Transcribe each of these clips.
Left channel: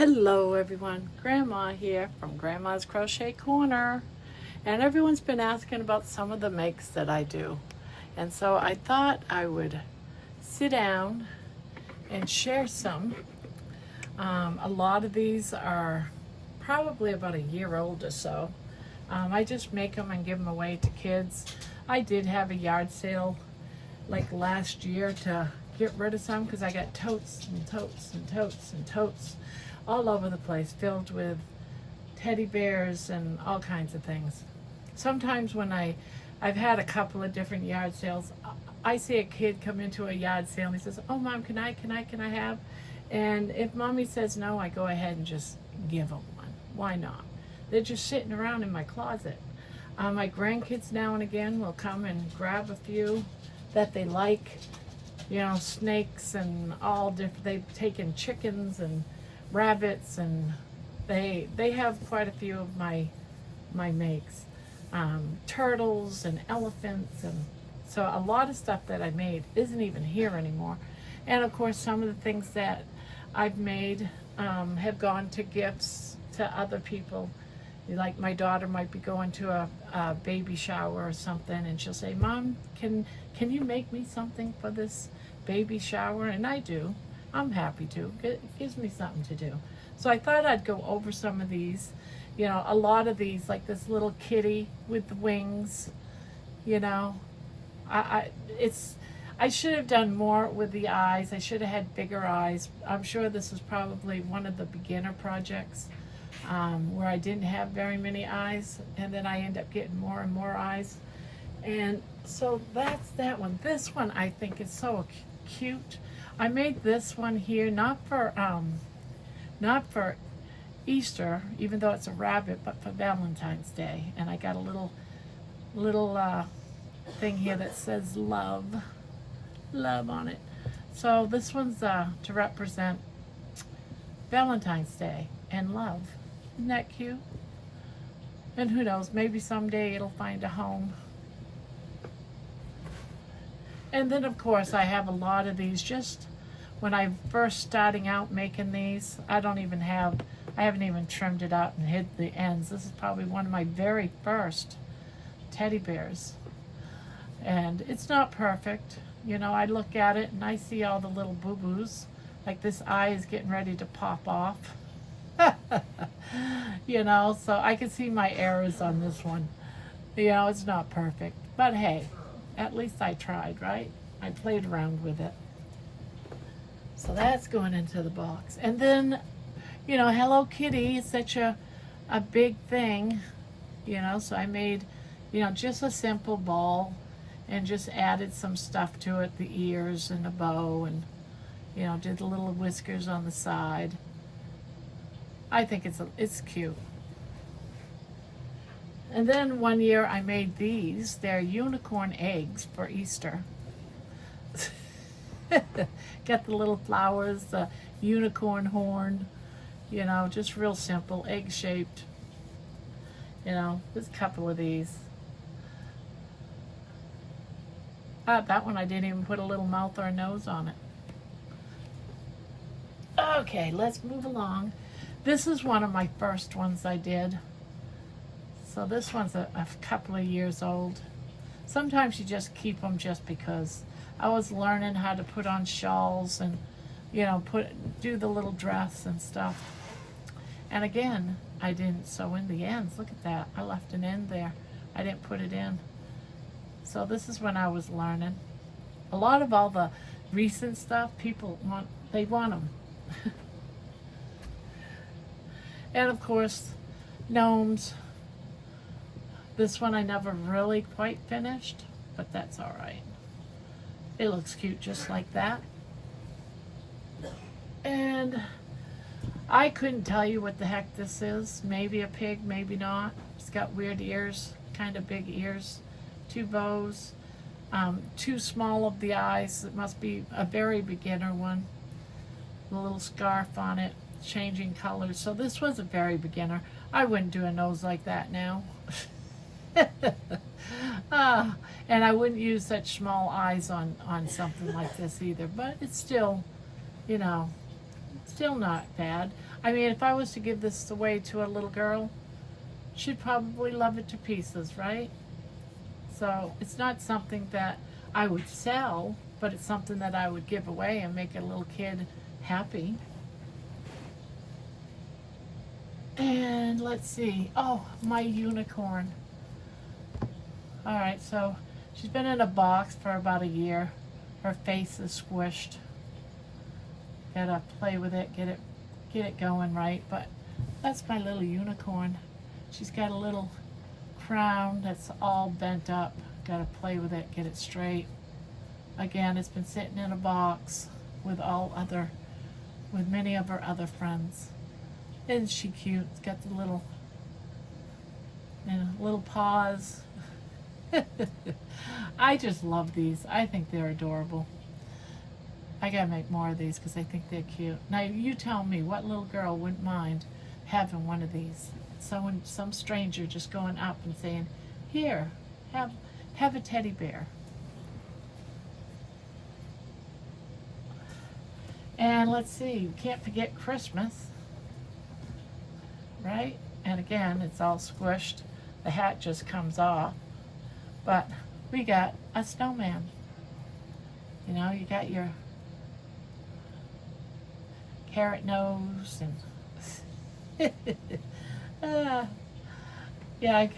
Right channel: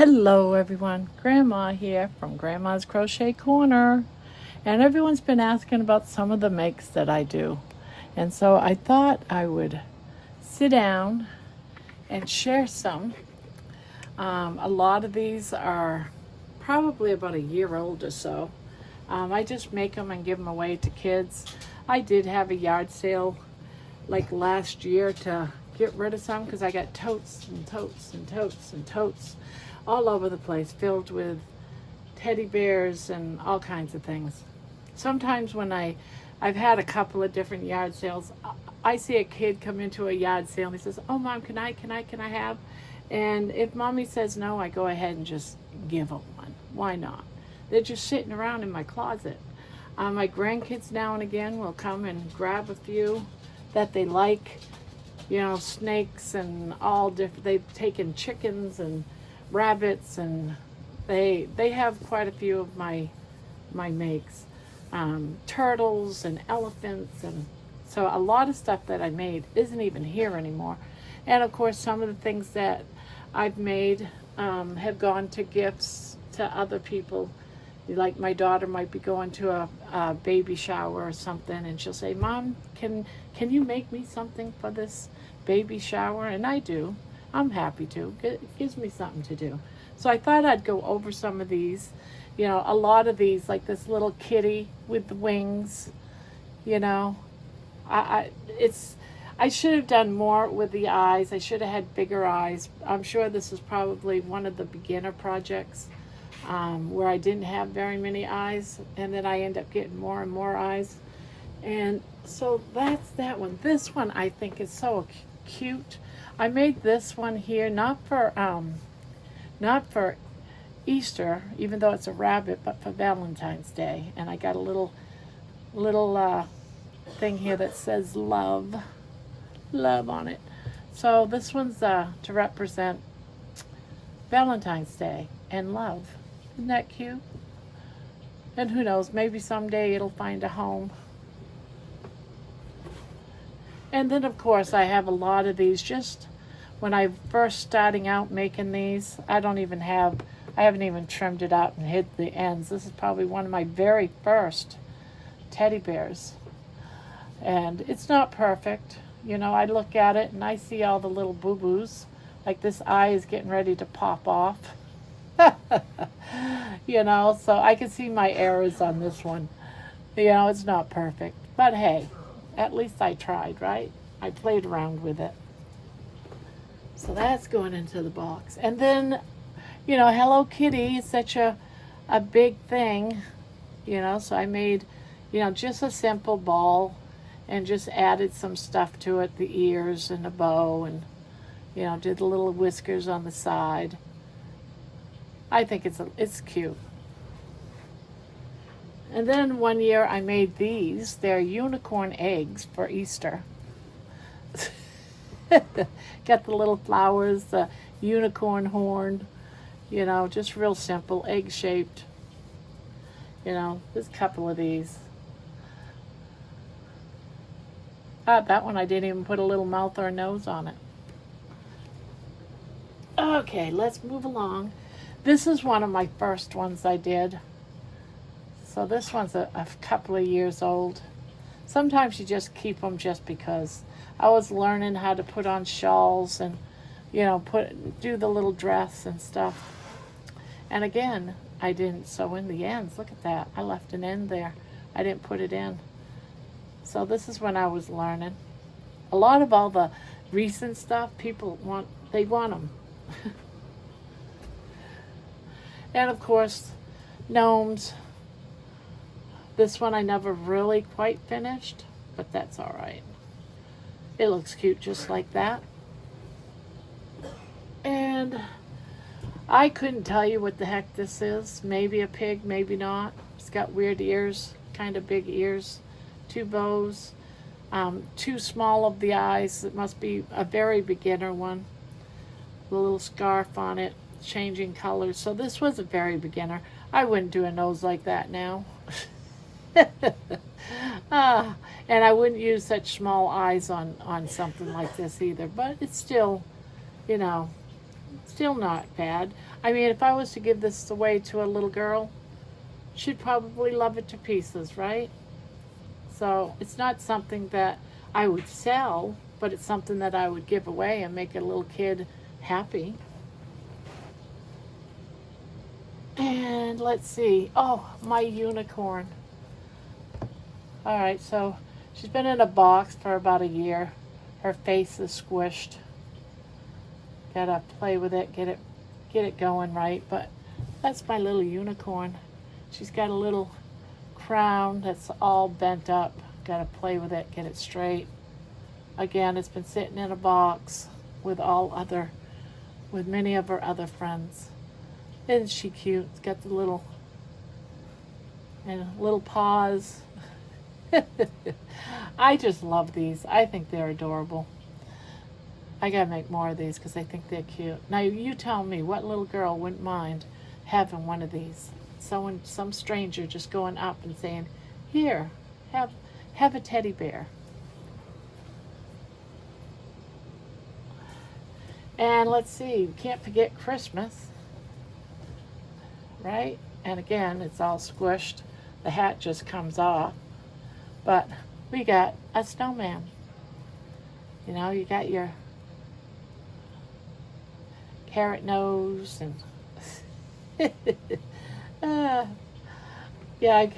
Hello everyone, Grandma here from Grandma's Crochet Corner, and everyone's been asking about some of the makes that I do, and so I thought I would sit down and share some. A lot of these are probably about a year old or so. I just make them and give them away to kids. I did have a yard sale like last year to get rid of some because I got totes and totes and totes and totes all over the place filled with teddy bears and all kinds of things. Sometimes when I've had a couple of different yard sales, I see a kid come into a yard sale and he says, "Oh mom, can I have?" And if mommy says no, I go ahead and just give them one. Why not? They're just sitting around in my closet. My grandkids now and again will come and grab a few that they like, snakes and all different. They've taken chickens and rabbits, and they have quite a few of my makes. Turtles and elephants, and so a lot of stuff that I made isn't even here anymore. And of course, some of the things that I've made have gone to gifts to other people. Like my daughter might be going to a baby shower or something, and she'll say, "Mom, can you make me something for this baby shower?" And I do. I'm happy to. It gives me something to do. So I thought I'd go over some of these. A lot of these, like this little kitty with the wings. I should have done more with the eyes. I should have had bigger eyes. I'm sure this is probably one of the beginner projects where I didn't have very many eyes, and then I end up getting more and more eyes. And so that's that one. This one I think is so cute. I made this one here not for Easter, even though it's a rabbit, but for Valentine's Day. And I got a little thing here that says love on it. So this one's to represent Valentine's Day and love. Isn't that cute? And who knows, maybe someday it'll find a home. And then of course I have a lot of these just when I first starting out making these. I haven't even trimmed it out and hid the ends. This is probably one of my very first teddy bears. And it's not perfect. I look at it and I see all the little boo-boos. Like this eye is getting ready to pop off. So I can see my errors on this one. It's not perfect. But hey, at least I tried, right? I played around with it. So that's going into the box. And then, Hello Kitty is such a big thing, so I made, just a simple ball and just added some stuff to it, the ears and the bow, and, did the little whiskers on the side. I think it's cute. And then one year I made these. They're unicorn eggs for Easter. Got the little flowers, the unicorn horn, just real simple, egg shaped. There's a couple of these. That one I didn't even put a little mouth or a nose on it. Okay, let's move along. This is one of my first ones I did. So this one's a couple of years old. Sometimes you just keep them just because. I was learning how to put on shawls and, do the little dress and stuff. And again, I didn't sew in the ends. Look at that. I left an end there. I didn't put it in. So this is when I was learning. A lot of all the recent stuff, people want them. And of course, gnomes. This one I never really quite finished, but that's all right. It looks cute just like that. And I couldn't tell you what the heck this is. Maybe a pig, maybe not. It's got weird ears, kind of big ears. 2 bows, too small of the eyes. It must be a very beginner one. A little scarf on it, changing colors. So this was a very beginner. I wouldn't do a nose like that now. And I wouldn't use such small eyes on something like this either, but it's still, still not bad. I mean, if I was to give this away to a little girl, she'd probably love it to pieces, right? So it's not something that I would sell, but it's something that I would give away and make a little kid happy. And let's see. Oh, my unicorn. All right, so she's been in a box for about a year. Her face is squished. Gotta play with it, get it going right. But that's my little unicorn. She's got a little crown that's all bent up. Gotta play with it, get it straight. Again, it's been sitting in a box with many of her other friends. Isn't she cute? It's got the little paws. I just love these. I think they're adorable. I gotta make more of these because I think they're cute. Now you tell me, what little girl wouldn't mind having one of these? Some stranger just going up and saying, "Here, have a teddy bear." And let's see, we can't forget Christmas, right? And again, it's all squished. The hat just comes off. But we got a snowman. You know, you got your carrot nose and yeah,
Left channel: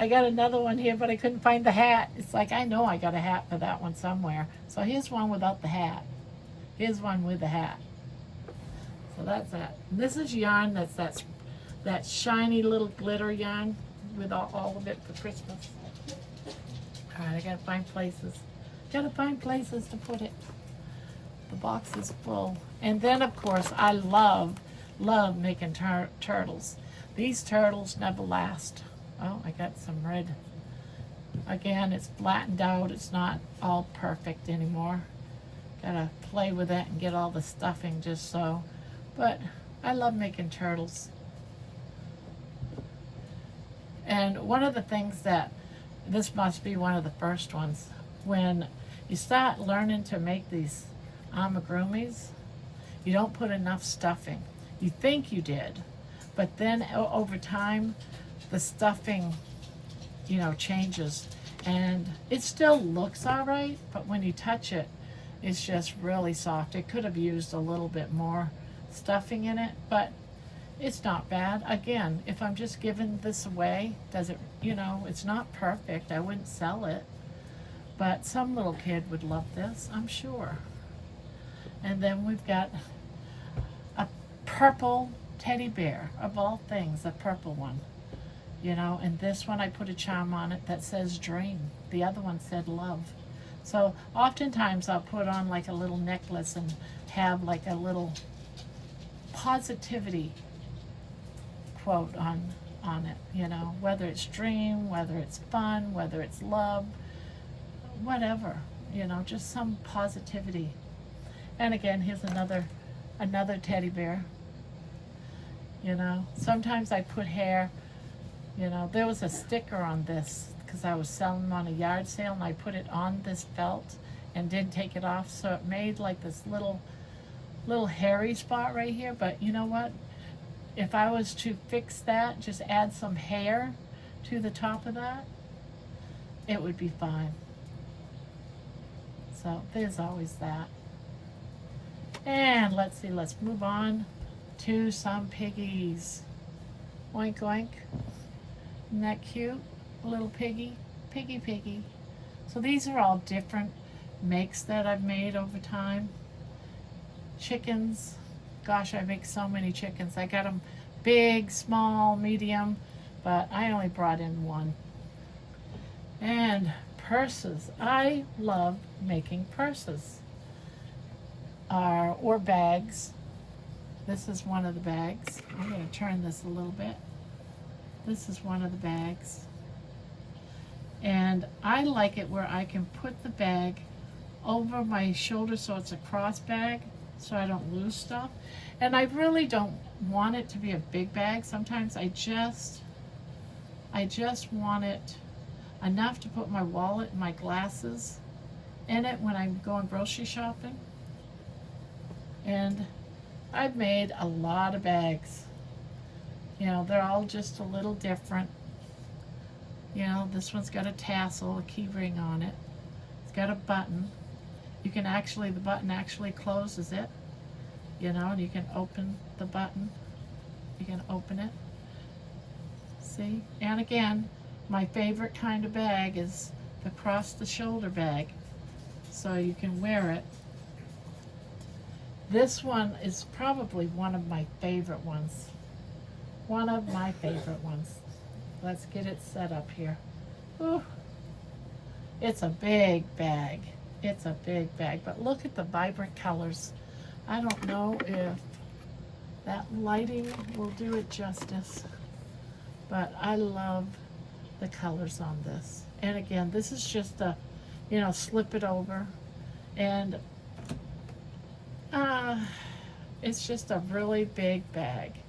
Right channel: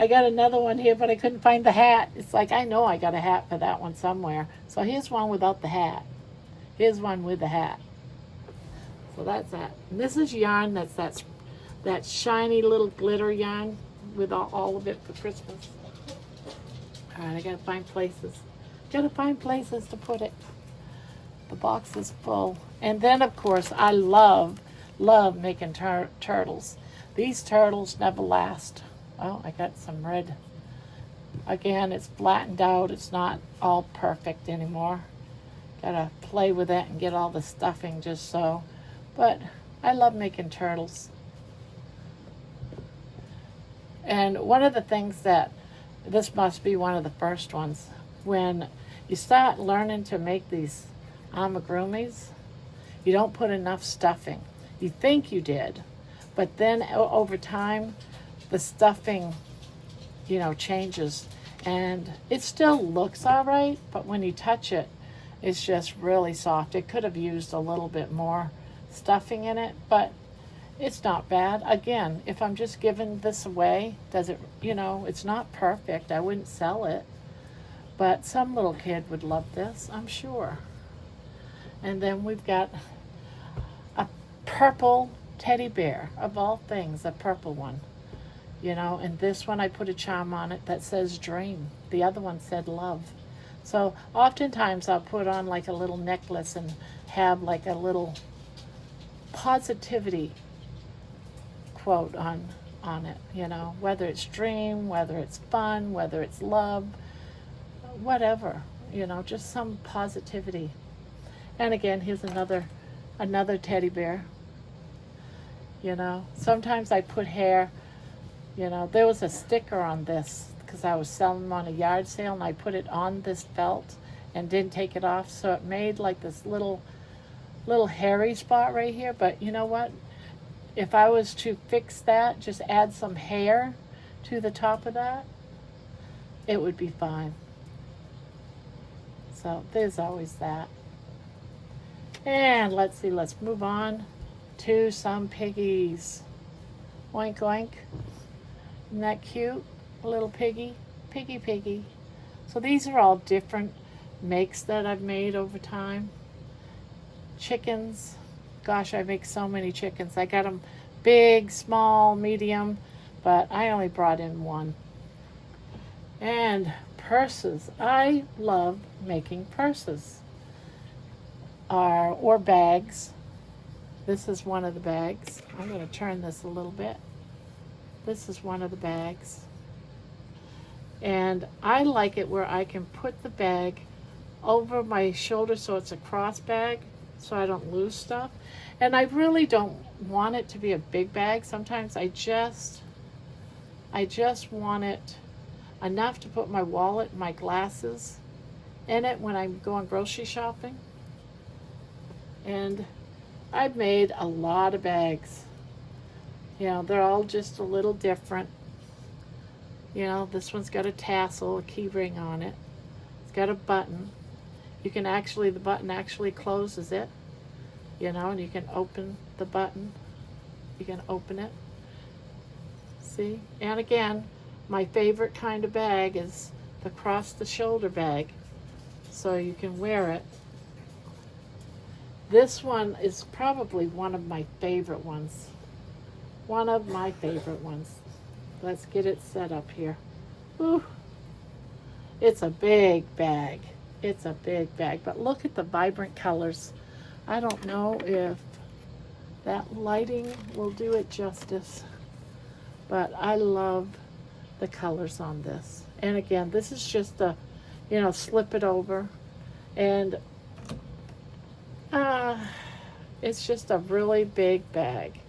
I got another one here, but I couldn't find the hat. It's like, I know I got a hat for that one somewhere. So here's one without the hat. Here's one with the hat. So that's that. And this is yarn that's that shiny little glitter yarn with all of it for Christmas. All right, I gotta find places. Gotta find places to put it. The box is full. And then, of course, I love making turtles. These turtles never last. Oh, I got some red. Again, it's flattened out. It's not all perfect anymore. Gotta play with it and get all the stuffing just so. But I love making turtles. And one of the things that, this must be one of the first ones, when you start learning to make these amigurumis, you don't put enough stuffing. You think you did, but then over time, the stuffing, you know, changes. And it still looks all right, but when you touch it, it's just really soft. It could have used a little bit more stuffing in it, but it's not bad. Again, if I'm just giving this away, does it, you know, it's not perfect. I wouldn't sell it, but some little kid would love this, I'm sure. And then we've got a purple teddy bear, of all things, a purple one. You know, and this one I put a charm on it that says dream. The other one said love. So oftentimes I'll put on like a little necklace and have like a little positivity quote on it, you know, whether it's dream, whether it's fun, whether it's love, whatever, you know, just some positivity. And again, here's another teddy bear. You know, sometimes I put hair, you know, there was a sticker on this because I was selling them on a yard sale, and I put it on this belt and didn't take it off, so it made like this little hairy spot right here. But you know what? If I was to fix that, just add some hair to the top of that, it would be fine. So there's always that. And let's see, let's move on to some piggies. Oink oink. Isn't that cute? A little piggy. Piggy. So these are all different makes that I've made over time. Chickens. Gosh, I make so many chickens. I got them big, small, medium, but I only brought in one. And purses. I love making purses. Or bags. This is one of the bags. I'm going to turn this a little bit. This is one of the bags. And I like it where I can put the bag over my shoulder so it's a cross bag so I don't lose stuff. And I really don't want it to be a big bag. Sometimes I just want it enough to put my wallet and my glasses in it when I'm going grocery shopping. And I've made a lot of bags. You know, they're all just a little different. You know, this one's got a tassel, a key ring on it. It's got a button. You can actually, the button actually closes it, you know, and you can open the button. You can open it. See? And again, my favorite kind of bag is the cross the shoulder bag. So you can wear it. This one is probably one of my favorite ones. One of my favorite ones. Let's get it set up here. Ooh. It's a big bag. It's a big bag, but look at the vibrant colors. I don't know if that lighting will do it justice, but I love the colors on this. And again, this is just a, you know, slip it over, and it's just a really big bag.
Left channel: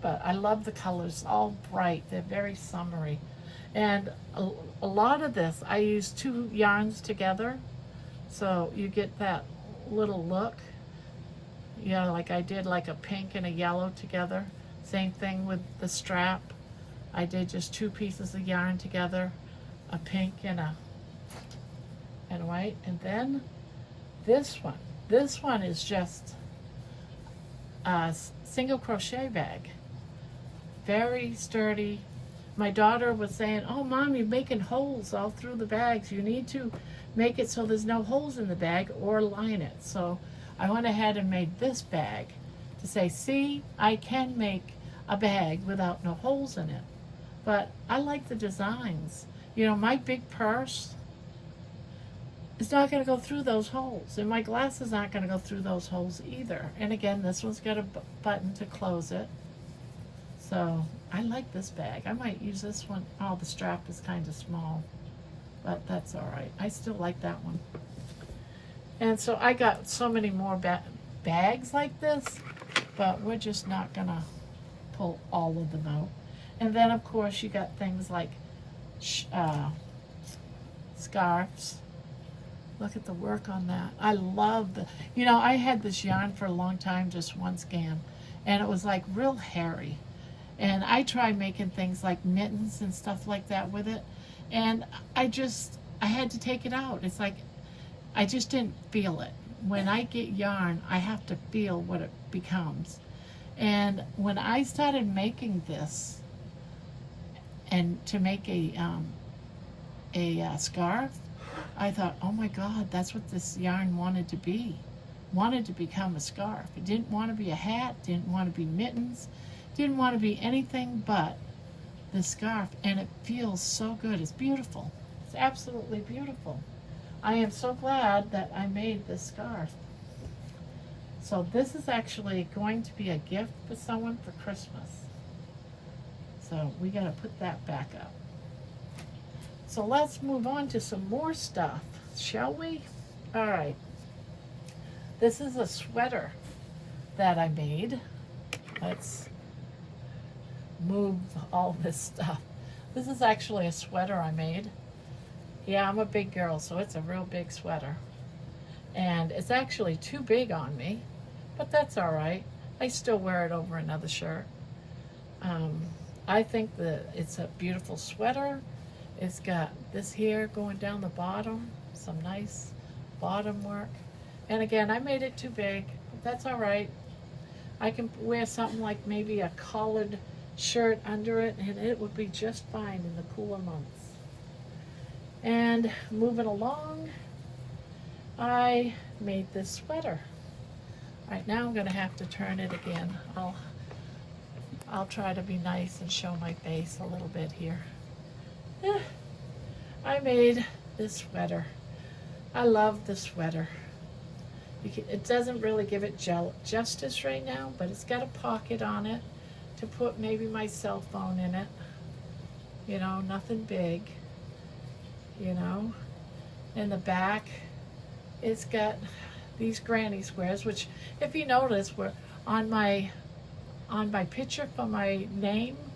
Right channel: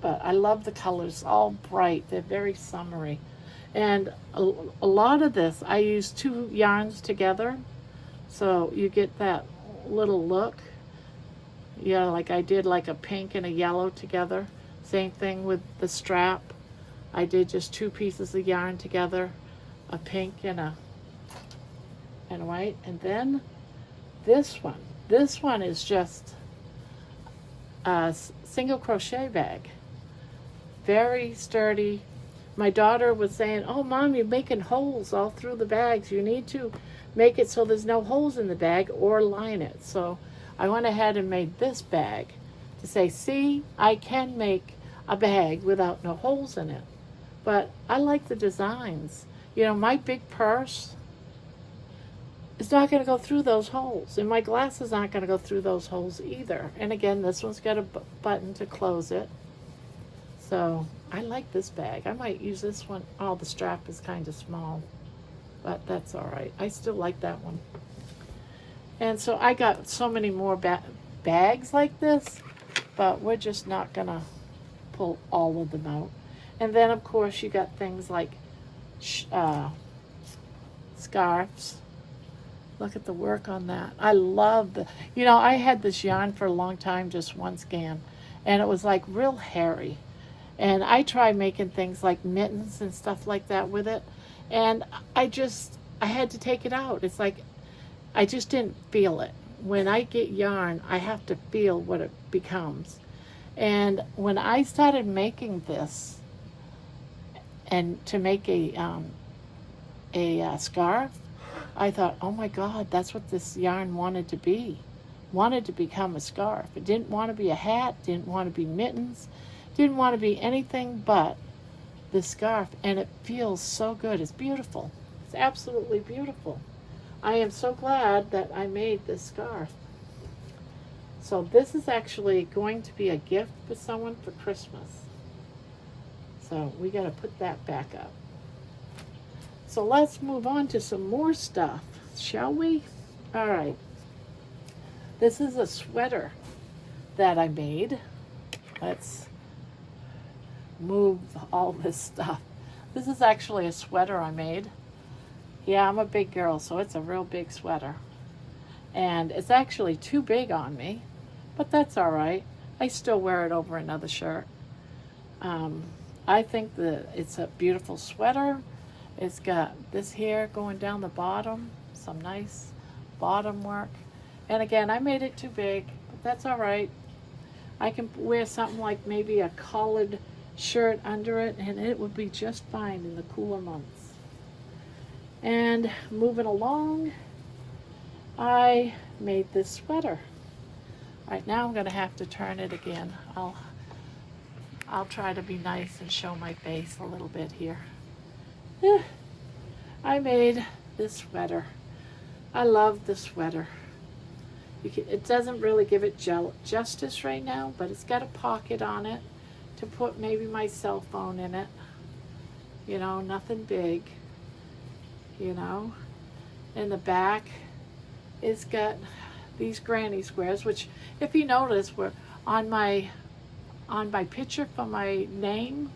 But I love the colors, all bright. They're very summery. And a lot of this, I use 2 yarns together, so you get that little look. You know, like I did like a pink and a yellow together. Same thing with the strap. I did just 2 pieces of yarn together, a pink and a white. And then this one is just a single crochet bag. Very sturdy. My daughter was saying, oh Mom, you're making holes all through the bags. You need to make it so there's no holes in the bag or line it. So I went ahead and made this bag to say, see, I can make a bag without no holes in it. But I like the designs. You know, my big purse is not going to go through those holes, and my glasses aren't going to go through those holes either. And again, this one's got a button to close it. So I like this bag. I might use this one. Oh, the strap is kind of small, but that's all right. I still like that one. And so I got so many more bags like this, but we're just not gonna pull all of them out. And then of course you got things like scarves. Look at the work on that. I love the, you know, I had this yarn for a long time, just one scan, and it was like real hairy. And I tried making things like mittens and stuff like that with it, and I had to take it out. It's like, I just didn't feel it. When I get yarn, I have to feel what it becomes. And when I started making this, and to make a scarf, I thought, oh my God, that's what this yarn wanted to be. Wanted to become a scarf. It didn't want to be a hat, didn't want to be mittens, didn't want to be anything but this scarf. And it feels so good. It's beautiful. It's absolutely beautiful. I am so glad that I made this scarf. So this is actually going to be a gift for someone for Christmas. So we got to put that back up. So let's move on to some more stuff, shall we? All right. This is a sweater that I made. Let's move all this stuff. This is actually a sweater I made. Yeah, I'm a big girl, so it's a real big sweater. And it's actually too big on me, but that's all right. I still wear it over another shirt. I think that it's a beautiful sweater. It's got this here going down the bottom, some nice bottom work. And again, I made it too big, but that's all right. I can wear something like maybe a collared shirt under it, and it would be just fine in the cooler months. And moving along, I made this sweater. Right now I'm gonna have to turn it again. I'll try to be nice and show my face a little bit here. I made this sweater. I love the sweater. It doesn't really give it justice right now, but it's got a pocket on it to put maybe my cell phone in it. You know, nothing big, you know. In the back, it's got these granny squares, which if you notice were on my picture for my name.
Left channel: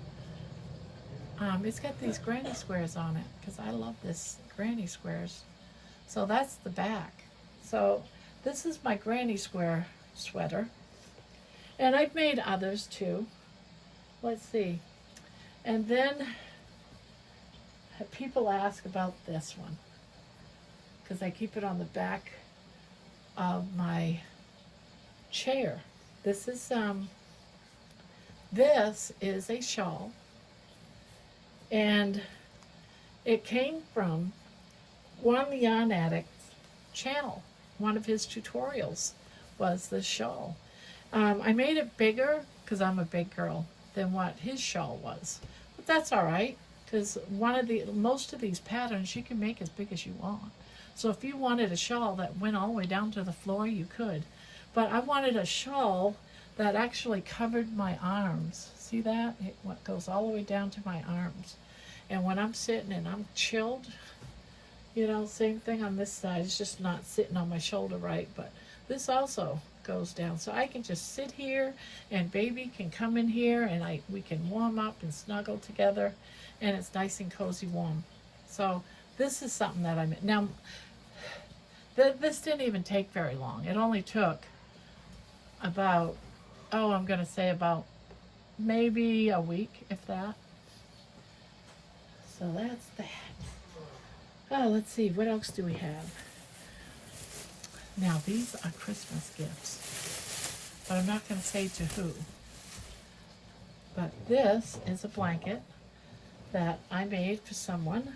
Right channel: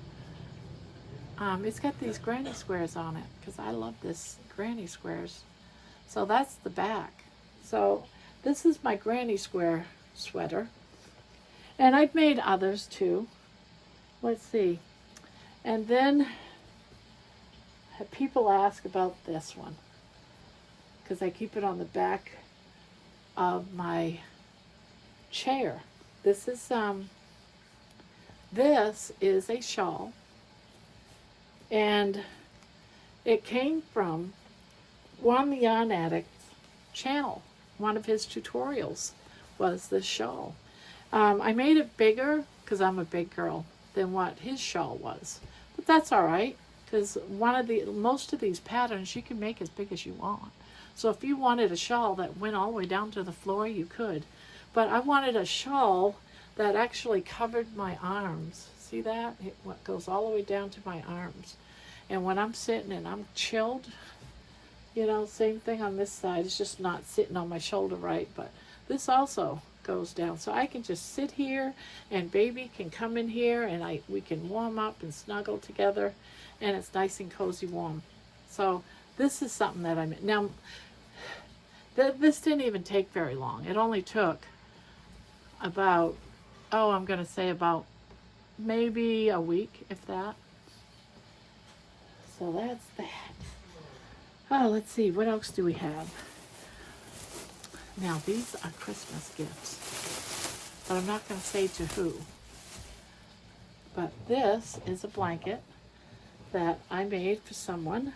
It's got these granny squares on it because I love this granny squares. So that's the back. So this is my granny square sweater. And I've made others too. Let's see. And then people ask about this one because I keep it on the back of my chair. This is a shawl, and it came from Juan the Yarn Addict's channel. One of his tutorials was this shawl. I made it bigger because I'm a big girl than what his shawl was, but that's all right because most of these patterns you can make as big as you want. So if you wanted a shawl that went all the way down to the floor, you could. But I wanted a shawl that actually covered my arms. See that? It goes all the way down to my arms. And when I'm sitting and I'm chilled, you know, same thing on this side. It's just not sitting on my shoulder right, but this also goes down. So I can just sit here and baby can come in here and we can warm up and snuggle together, and it's nice and cozy warm. So this is something that I made. Now, this didn't even take very long. It only took about, I'm going to say about maybe a week, if that. So that's that. Oh, let's see. What else do we have? Now, these are Christmas gifts, but I'm not going to say to who. But this is a blanket that I made for someone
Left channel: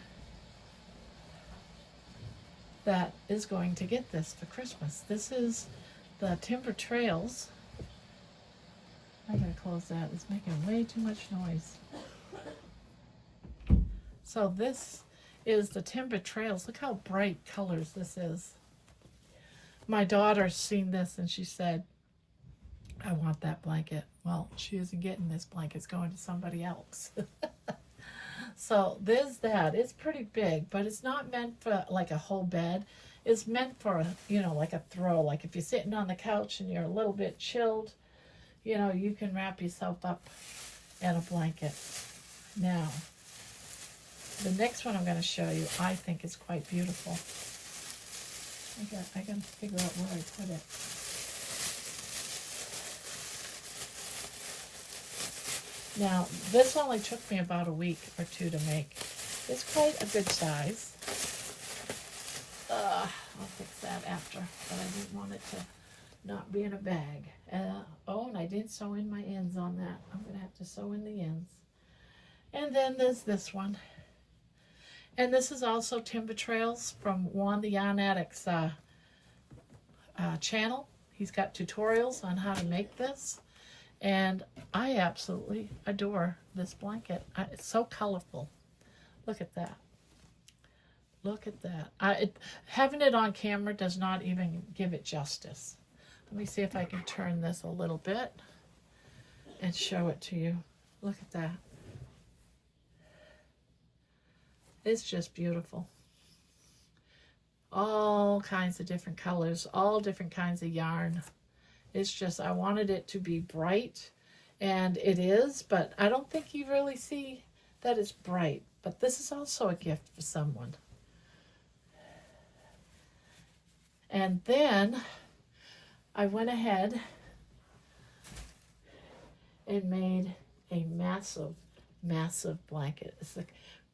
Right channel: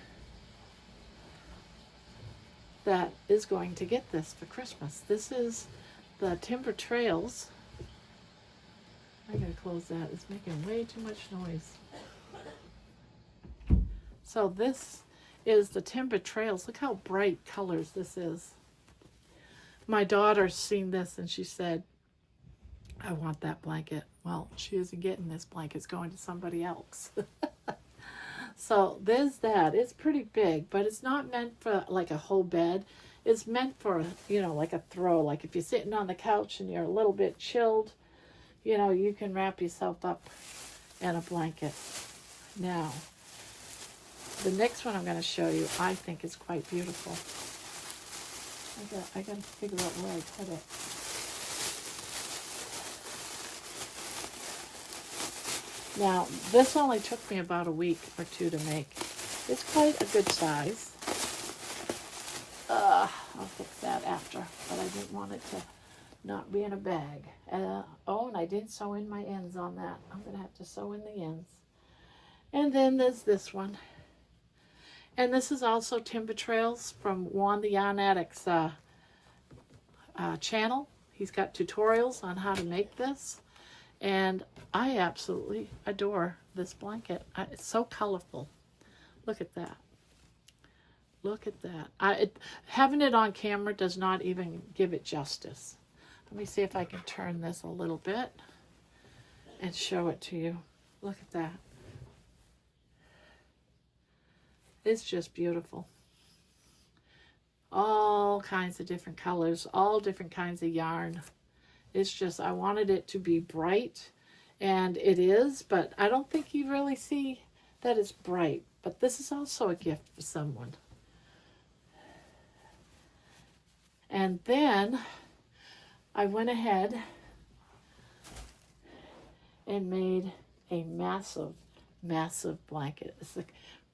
that is going to get this for Christmas. This is the Timber Trails. I gotta close that. It's making way too much noise. So this is the Timber Trails. Look how bright colors this is. My daughter's seen this and she said, I want that blanket. Well, she isn't getting this blanket. It's going to somebody else. So there's that. It's pretty big, but it's not meant for like a whole bed. It's meant for, you know, like a throw. Like if you're sitting on the couch and you're a little bit chilled, you know, you can wrap yourself up in a blanket. Now, the next one I'm going to show you, I think is quite beautiful. I got to figure out where I put it. Now, this only took me about a week or two to make. It's quite a good size. I'll fix that after, but I didn't want it to not be in a bag. And I did sew in my ends on that. I'm going to have to sew in the ends. And then there's this one. And this is also Timber Trails from Juan the Yarn Addict's channel. He's got tutorials on how to make this. And I absolutely adore this blanket. It's so colorful. Look at that. Look at that. Having it on camera does not even give it justice. Let me see if I can turn this a little bit and show it to you. Look at that. It's just beautiful. All kinds of different colors, all different kinds of yarn. It's just, I wanted it to be bright, and it is, but I don't think you really see that it's bright. But this is also a gift for someone. And then I went ahead and made a massive, massive blanket. It's a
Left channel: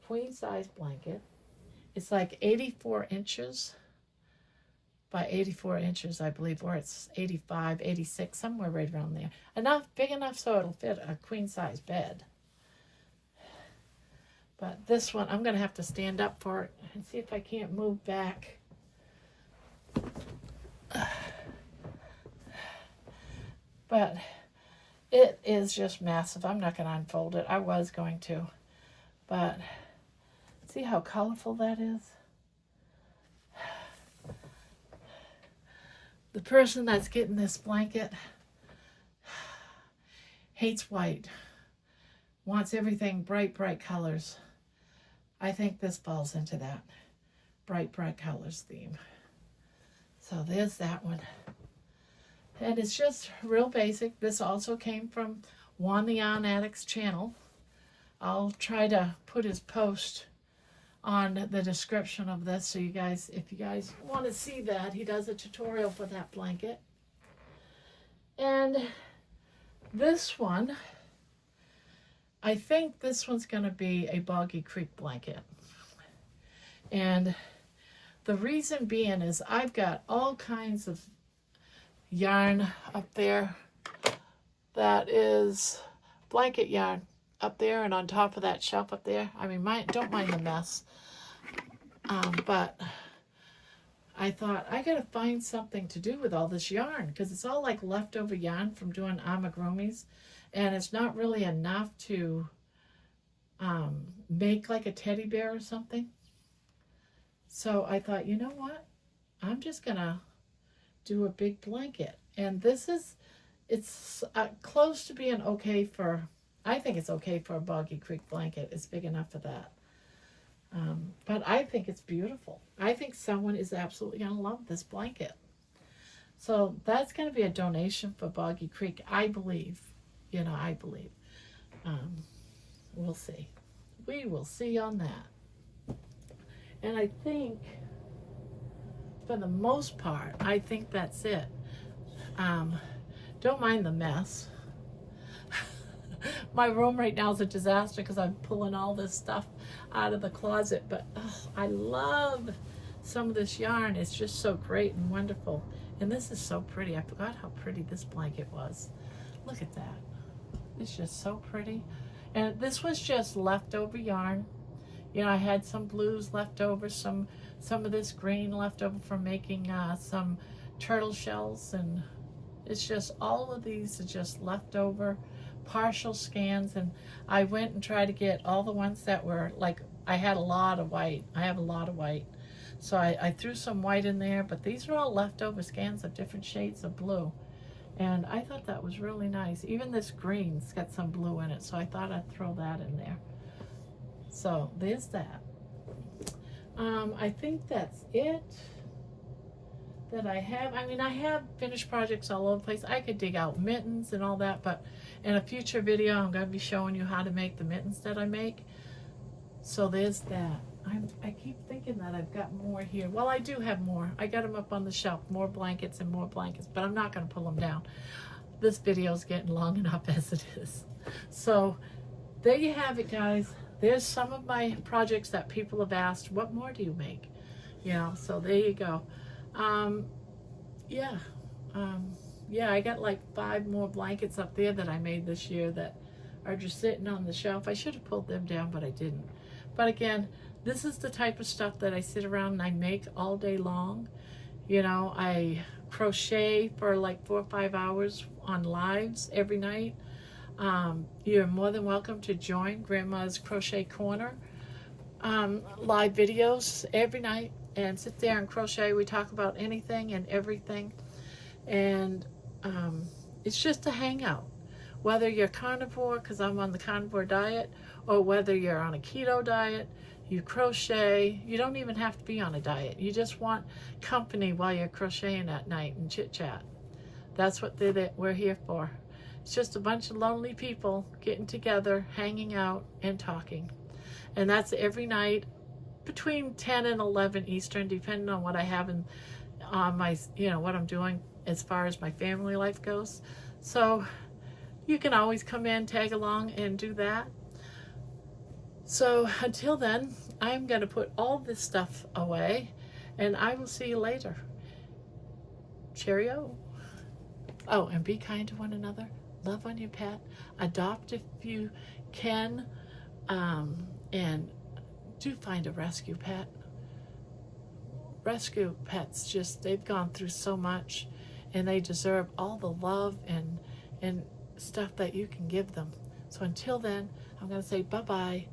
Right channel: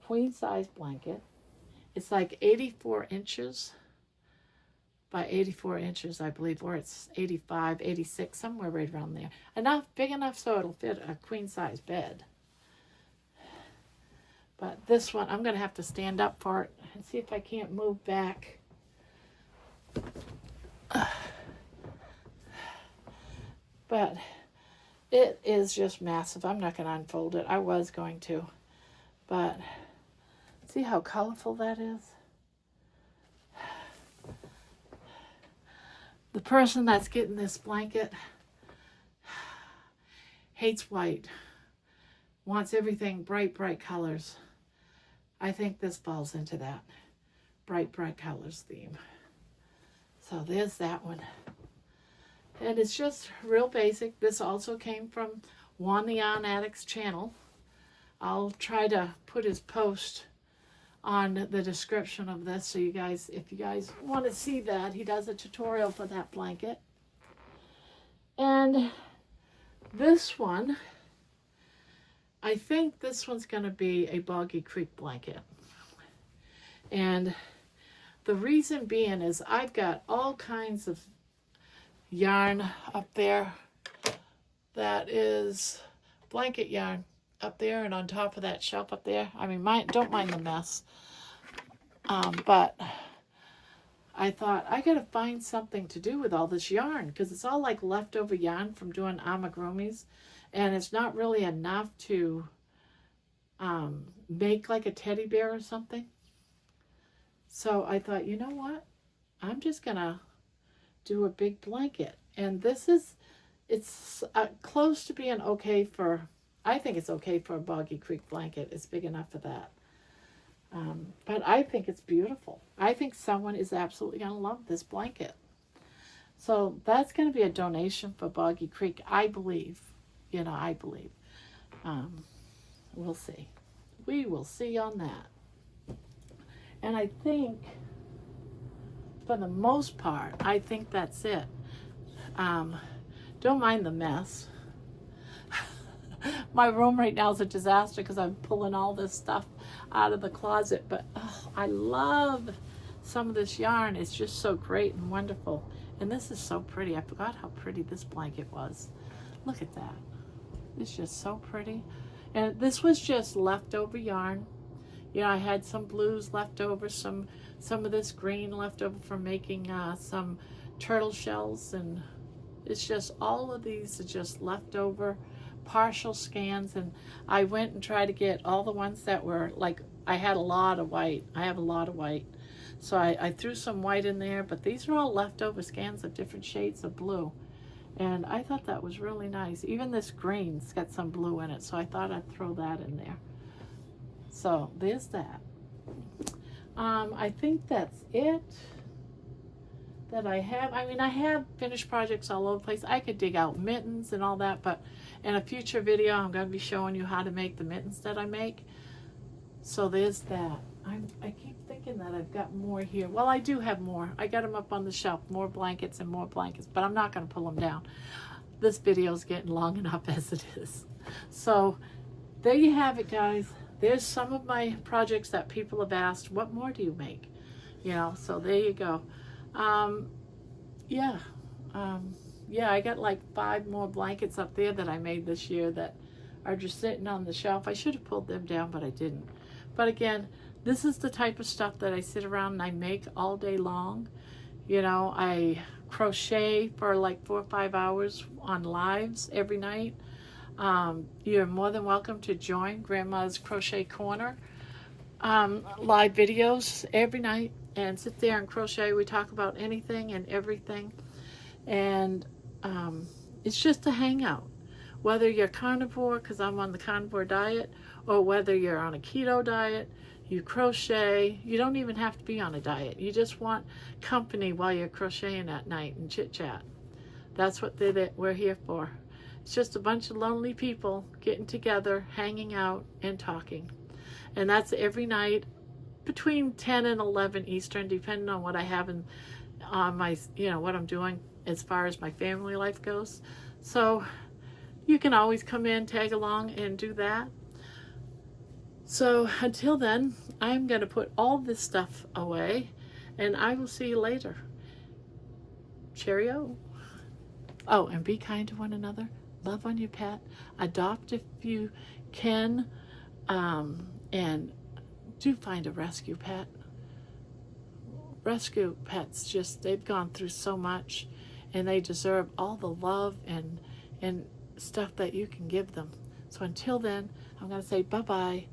queen size blanket. It's like 84 inches by 84 inches, I believe, or it's 85, 86, somewhere right around there. Big enough so it'll fit a queen size bed. But this one, I'm going to have to stand up for it and see if I can't move back. But it is just massive. I'm not going to unfold it. I was going to, but see how colorful that is? The person that's getting this blanket hates white, wants everything bright, bright colors. I think this falls into that bright, bright colors theme. So there's that one. And it's just real basic. This also came from Juan the Yarn Addict's channel. I'll try to put his post on the description of this, so you guys, if you guys want to see that, he does a tutorial for that blanket. And this one, I think this one's going to be a Boggy Creek blanket. And the reason being is I've got all kinds of yarn up there that is blanket yarn up there and on top of that shelf up there. I mean, don't mind the mess. But I thought I gotta find something to do with all this yarn because it's all like leftover yarn from doing amigurumis, and it's not really enough to make like a teddy bear or something. So I thought, you know what? I'm just gonna do a big blanket, and it's close to being okay for. I think it's okay for a Boggy Creek blanket. It's big enough for that. But I think it's beautiful. I think someone is absolutely going to love this blanket. So that's going to be a donation for Boggy Creek, I believe. You know, I believe. We'll see. We will see on that. And I think, for the most part, I think that's it. Don't mind the mess. My room right now is a disaster because I'm pulling all this stuff out of the closet, but oh, I love some of this yarn. It's just so great and wonderful. And this is so pretty. I forgot how pretty this blanket was. Look at that. It's just so pretty. And this was just leftover yarn. You know, I had some blues left over, some of this green left over from making some turtle shells, and it's just all of these are just leftover partial scans. And I went and tried to get all the ones that were like, I had a lot of white. I have a lot of white. So I threw some white in there, but these are all leftover scans of different shades of blue. And I thought that was really nice. Even this green's got some blue in it, so I thought I'd throw that in there. So there's that. I think that's it that I have. I mean, I have finished projects all over the place. I could dig out mittens and all that, but in a future video, I'm going to be showing you how to make the mittens that I make. So there's that. I keep thinking that I've got more here. Well, I do have more. I got them up on the shelf, more blankets and more blankets, but I'm not going to pull them down. This video is getting long enough as it is. So there you have it, guys. There's some of my projects that people have asked, what more do you make? You know, so there you go. Yeah, I got like 5 more blankets up there that I made this year that are just sitting on the shelf. I should have pulled them down, but I didn't. But again, this is the type of stuff that I sit around and I make all day long. You know, I crochet for like 4 or 5 hours on lives every night. You're more than welcome to join Grandma's Crochet Corner live videos every night and sit there and crochet. We talk about anything and everything. And it's just a hangout. Whether you're carnivore, because I'm on the carnivore diet, or whether you're on a keto diet, you crochet. You don't even have to be on a diet. You just want company while you're crocheting at night and chit chat. That's what we're here for. It's just a bunch of lonely people getting together, hanging out, and talking. And that's every night between 10 and 11 Eastern, depending on what I have on my, you know, what I'm doing as far as my family life goes. So you can always come in, tag along, and do that. So until then, I'm going to put all this stuff away, and I will see you later. Cheerio. Oh, and be kind to one another. Love on your pet. Adopt if you can. And do find a rescue pet. Rescue pets, just, they've gone through so much, and they deserve all the love and stuff that you can give them. So until then, I'm going to say bye-bye.